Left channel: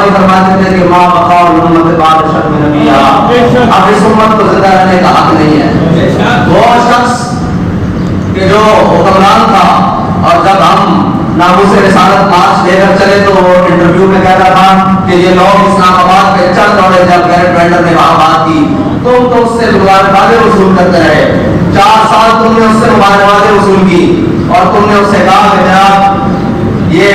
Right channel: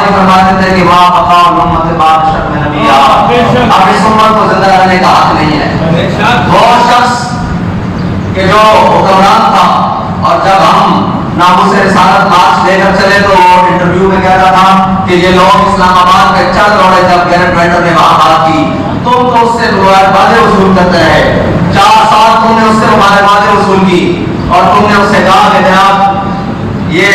जी फरमाते थे कि माँ मकाम उम्मत बाद शर्म नबिया, अब इस उम्मत को जिंदा रहने का हक नहीं है। वो शख्स कि जो हुक्मरान था और जब हम नामूस रिसालत मार्च लेकर चले तो इंटरव्यू में कहता था कि ये लोग इस्लामाबाद पे चढ़ दौड़े जब गैरेट वेंडर ने वहां बात की, तुम तो उससे मुबारकबादें वसूल करते रहे, 4 साल तुमने उससे मुबारकबादें वसूल की और तुमने उससे कहा कि जनाब ये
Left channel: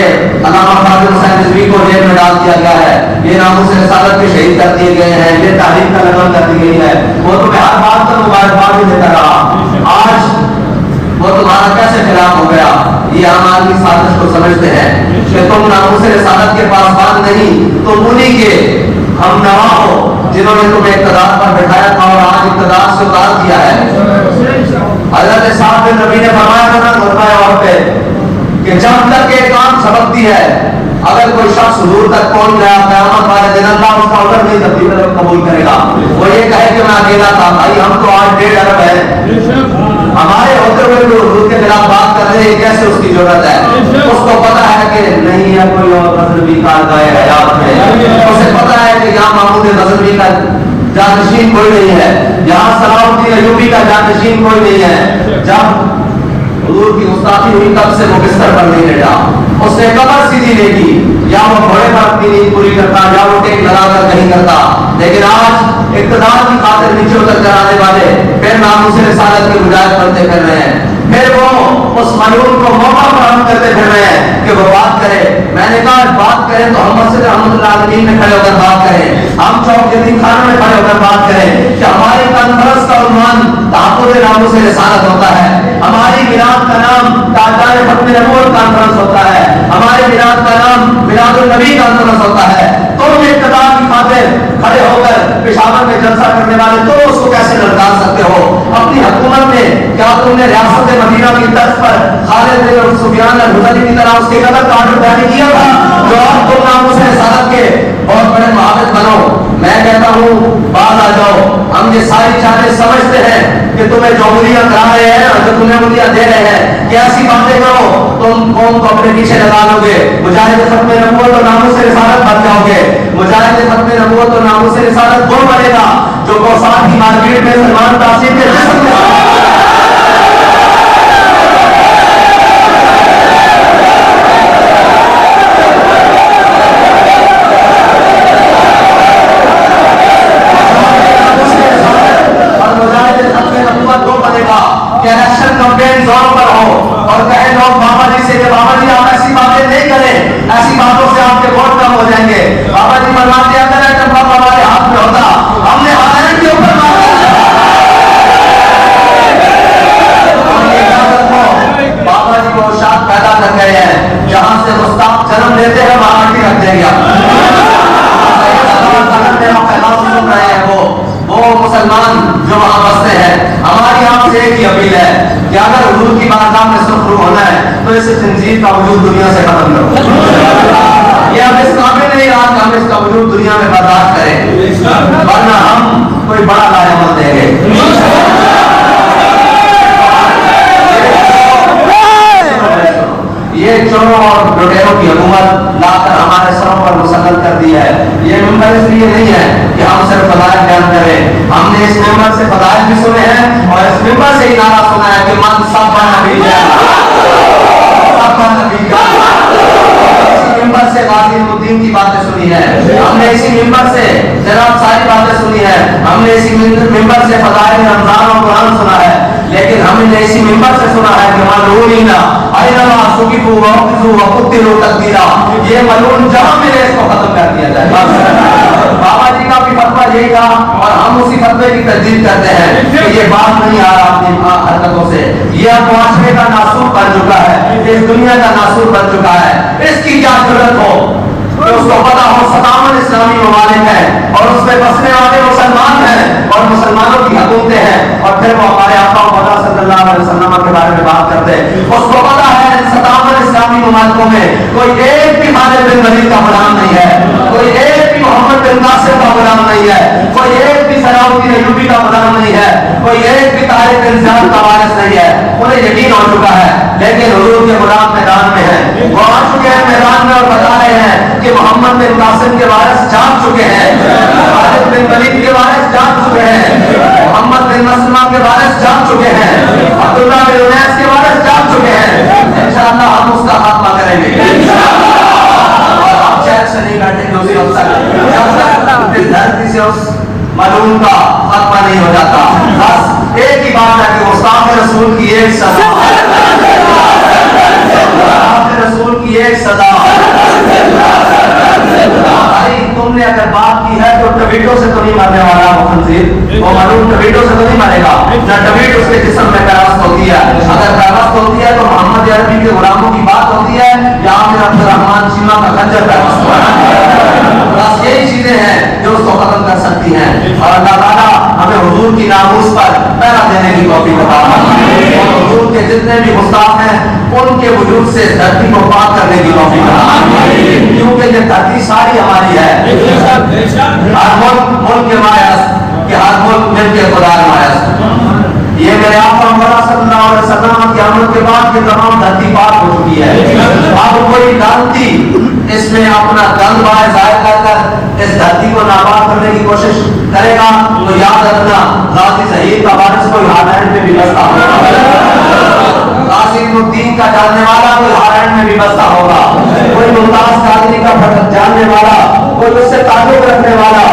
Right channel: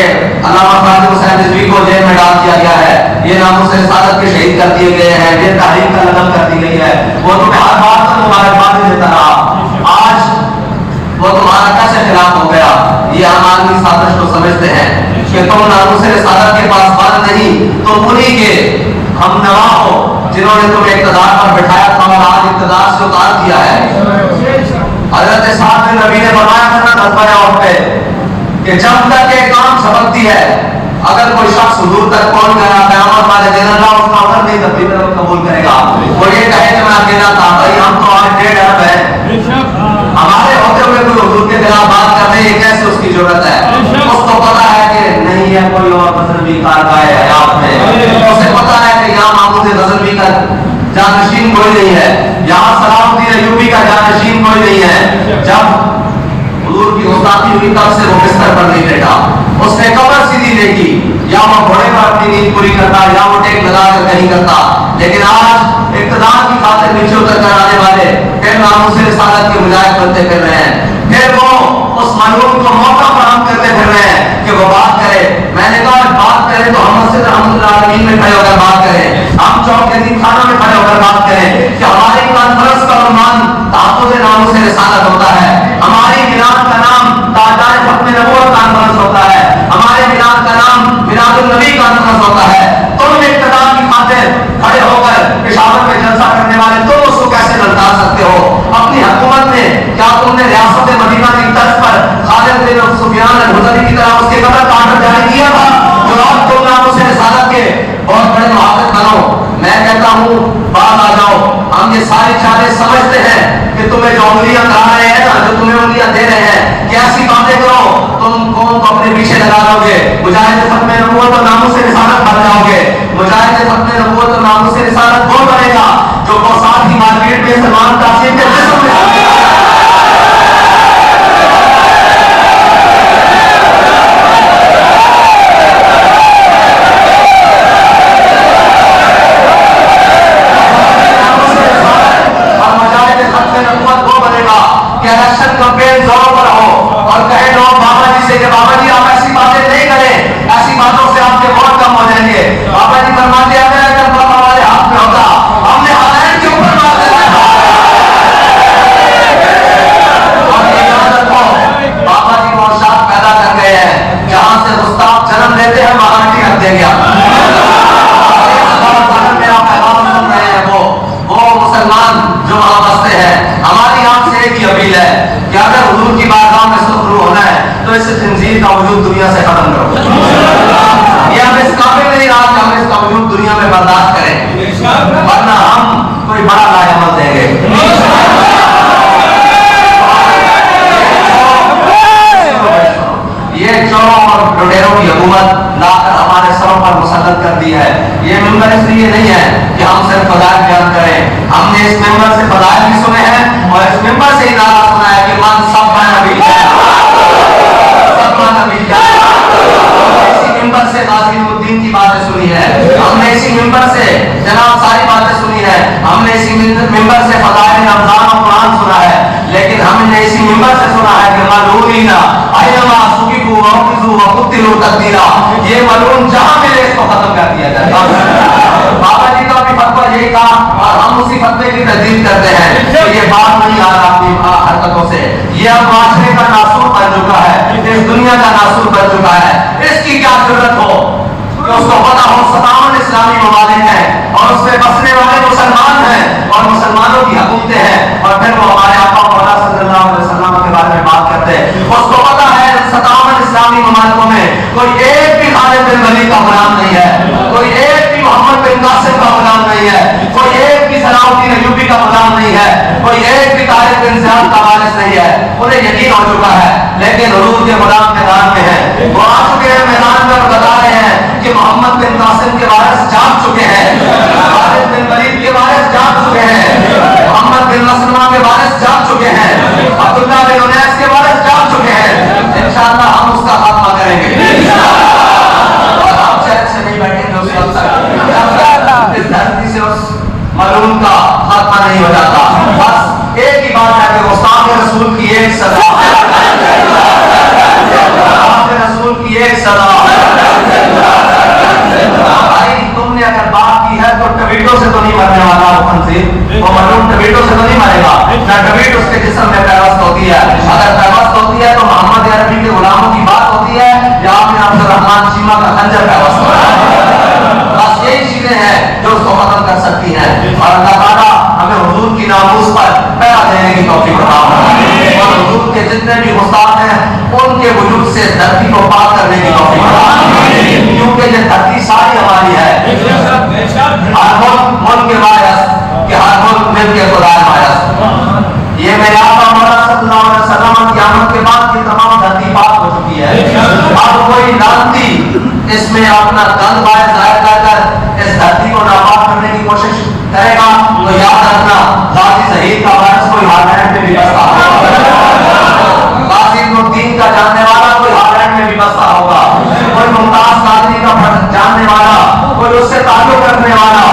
अल्लामा कादिर हुसैन रिजवी को जेल में डाल दिया गया है, ये नामूस रिसालत के शहीद कर दिए गए हैं, ये तारीख का लगन कर दी गई है। वो तुम्हें हर बात पर मुबारकबादें देता रहा, आज वो तुम्हारा कैसे खिलाफ हो गया? ये आम आदमी साजिश को समझते हैं कि तुम नामूस रिसालत के पास बात नहीं, तुम उन्हीं के हम नवा हो जिन्होंने तुम्हें इक़्तिदार पर बिठाया था और आज इक़्तिदार से उतार दिया है। हज़रत साद बिन रबी ने फरमाया था ना गज़वा और पे कि जब तक एक काम झपकती है, अगर कोई शख्स हुजूर तक पहुंच गया क़यामत वाले दिन अल्लाह उसका ऑर्डर नहीं कबूल करेगा। वो ये कहे कि मैं अकेला था, भाई हम तो आज 1.5 अरब है, हमारे होते हुए कोई हुजूर के खिलाफ बात कर रहे हैं, कैसे उसकी जरूरत है? उसको पता है कि नहीं है कोई और गज़नवी कारगाह हयात में, उसे पता है कि यहाँ महमूद गज़नवी का जानशीन कोई नहीं है, यहाँ सलाहुद्दीन अय्यूबी का जानशीन कोई नहीं है। जब हुजूर की गुस्ताखी हुई तब से वो बिस्तर पर नहीं लेटा, उसने कमर सीधी देखी, या वो घोड़े पर अपनी नींद पूरी करता या वो टेक लगाकर कहीं करता। लेकिन आज इक़्तिदार की खातिर नीचे उतर कर आने वाले फिर नामूस रिसालत के मुजाहिद बनते फिर रहे हैं, फिर वो उस मलून को मौका फराहम करते फिर रहे हैं कि वो बात करे। मैंने कहा बात करें तो हम मस्जिद रहमतुल्लाह अलैहि में खड़े होकर बात करें, हम चौक यतीमखाना में खड़े होकर बात करें कि हमारी कॉन्फ्रेंस का उन्वान तहफ़्फ़ुज़ नामूस रिसालत होता है, हमारी मिलाद का नाम ताज़दार ख़त्म नबूवत कॉन्फ्रेंस होता है, हमारे मिलाद का नाम मिलादुन नबी कॉन्फ्रेंस होता है। तुम इक़्तिदार की खातिर खड़े होकर पेशावर में जलसा करने वाले तुम उसको कैसे ललकार सकते हो? अपनी हुकूमत में क्या तुमने रियासत मदीना की तर्ज पर खालिद बिन सुफियान अल-हुज़ली की तरह उसके कदर का ऑर्डर जारी किया था? जो आज तुम नामूस रिसालत के बहुत बड़े मुहाफ़िज़ बनो, मैं कहता हूँ बात आ जाओ। हम ये सारी चालें समझते हैं कि तुम्हें जो उंगलियां करा रहे हैं ना, जो तुम्हें उंगलियां दे रहे हैं कि ऐसी बातें करो, तुम कौन को अपने पीछे लगा लोगे, मुजाहिद ख़त्म नबूवत और नामूस रिसालत बन जाओगे। मुजाहिद ख़त्म नबूवत और नामूस रिसालत कौन बनेगा? जो कौसार की मार्केट में सलमान कासिम के जिस्म में का वजूद दुनिया से खत्म करो। ये हम इस काबिल नहीं रहा कि हम इसका वजूद दुनिया में बर्दाश्त करें, वरना हम कोई बड़ा लाजवाब देंगे। ये चोरों और लुटेरों की हुकूमत लाकर हमारे सरों पर मुसल्लत कर दी है। ये मिंबर इसलिए नहीं है कि हम सिर्फ फज़ाइल बयान करें, हमने इस मिंबर से फज़ाइल भी सुने हैं और इस मिंबर से ही नारा सुना है कि मन सब नबी है, से गाज़ीउद्दीन की बातें सुनी है, हमने इसी मिंबर से जनाब सारी बातें सुनी है, हमने इसी मिंबर से फ़ज़ाइल रमज़ान और कुरान सुना है, लेकिन हमने इसी मिंबर से सुना है कि मलऊनीना अय्नमा सुकिफू वक़िज़ू वक़ुतिलू तक़दीरा, ये मलऊन जहाँ मिले इसको खत्म कर दिया जाए। बाबा जी का भी फतवा यही था और हम उसी फतवे की तजदीद करते हैं कि ये बात नहीं आ रहा अपनी हरकतों से, ये अब माशरे का नासूर बन चुका है, इस दुनिया का नासूर बन चुका है। इसकी क्या जरूरत हो तो उसको पता हो 57 इस्लामी ममालिक हैं और उसमें बसने वाले मुसलमान हैं और मुसलमानों की हुकूमतें हैं, और फिर वो हमारे आका मौला सल्लल्लाहु अलैहि वसल्लम के बारे में बात करते हैं। उसको पता है 57 इस्लामी ममालिकों में कोई एक भी खालिद बिन वलीद का गुलाम नहीं है, कोई एक भी मोहम्मद बिन कासिम का गुलाम नहीं है, कोई एक भी सलाहुद्दीन अय्यूबी का गुलाम नहीं है, कोई एक भी तारिक बिन ज़ियाद का वारिस नहीं है। उन्हें यकीन हो चुका है, लेकिन हुजूर के गुलाम मैदान में है, वो आ चुके हैं मैदान में और बता रहे हैं नहीं हो जाता। बस एक ही बात है कि गुस्ताख रसूल की एक सजा, गुस्ताख रसूल की एक सजा। तुमने अगर बात की है तो टबीटो से तो नहीं मरने वाला मुखनजी, वो मरूम टबीटो से तो नहीं मरेगा ना, टबीट उसके जिस्म में पैवस्त होती है। अगर पैवस्त होती है तो मोहम्मद अरबी के गुलामों की बात होती है या आपने अब्दुर्रहमान चीमा का खंजर पैवस्त हुआ है। बस यही चीजें हैं जो उसको खत्म कर सकती हैं। और अल्लाह ताला हमें हुजूर की नामूस पर पहरा देने की तौफीक अता फरमाए और हुजूर के जितने भी गुस्ताख हैं उनके वजूद से धरती को पाक करने की तौफीक अता फरमाए, क्योंकि ये धरती सारी हमारी है। हर मुल्क के मायस कि हर मुल्क मिलके खुदा मायस। ये मेरे आका मौला सल्लल्लाहु अलैहि वसल्लम की आमद के बाद ये तमाम धरती पाक हो चुकी है। अब कोई लानती इसमें अपना दंड बाहर जाहिर कर इस धरती को नापाक करने की कोशिश करेगा तो याद रखना गाजी ज़हीर का वारिस कोई हालैंड में भी बसता होगा, गाजी दीन का जानने वाला कोई हालैंड में भी बसता होगा, कोई मुमताज कादरी का जानने वाला, कोई उससे ताल्लुक रखने वाला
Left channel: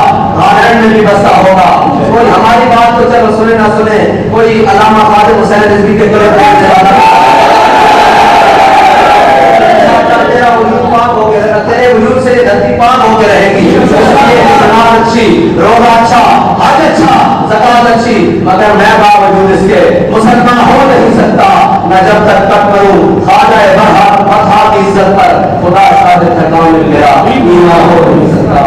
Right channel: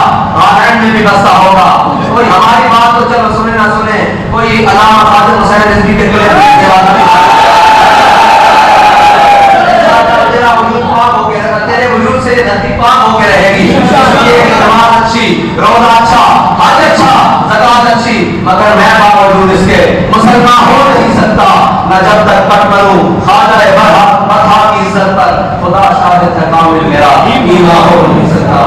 हालैंड में भी बसता होगा। कोई हमारी बात तो चलो सुने ना सुने, कोई अल्लामा ख्वाजा हुसैन रिजवी के गले पकड़ने वाला तेरा वजूद पाक हो गया, तेरे वजूद से ये धरती पाक होके रहेगी। इसलिए नमाज अच्छी, रोजा अच्छा, हज अच्छा, ज़कात अच्छी, मगर मैं बावजूद इसके मुसलमान हो नहीं सकता न जब तक कट करूं ख्वाजा बरहा की इज्जत पर खुदा शाहिद है कामिल मेरा ईमान हो नहीं सकता।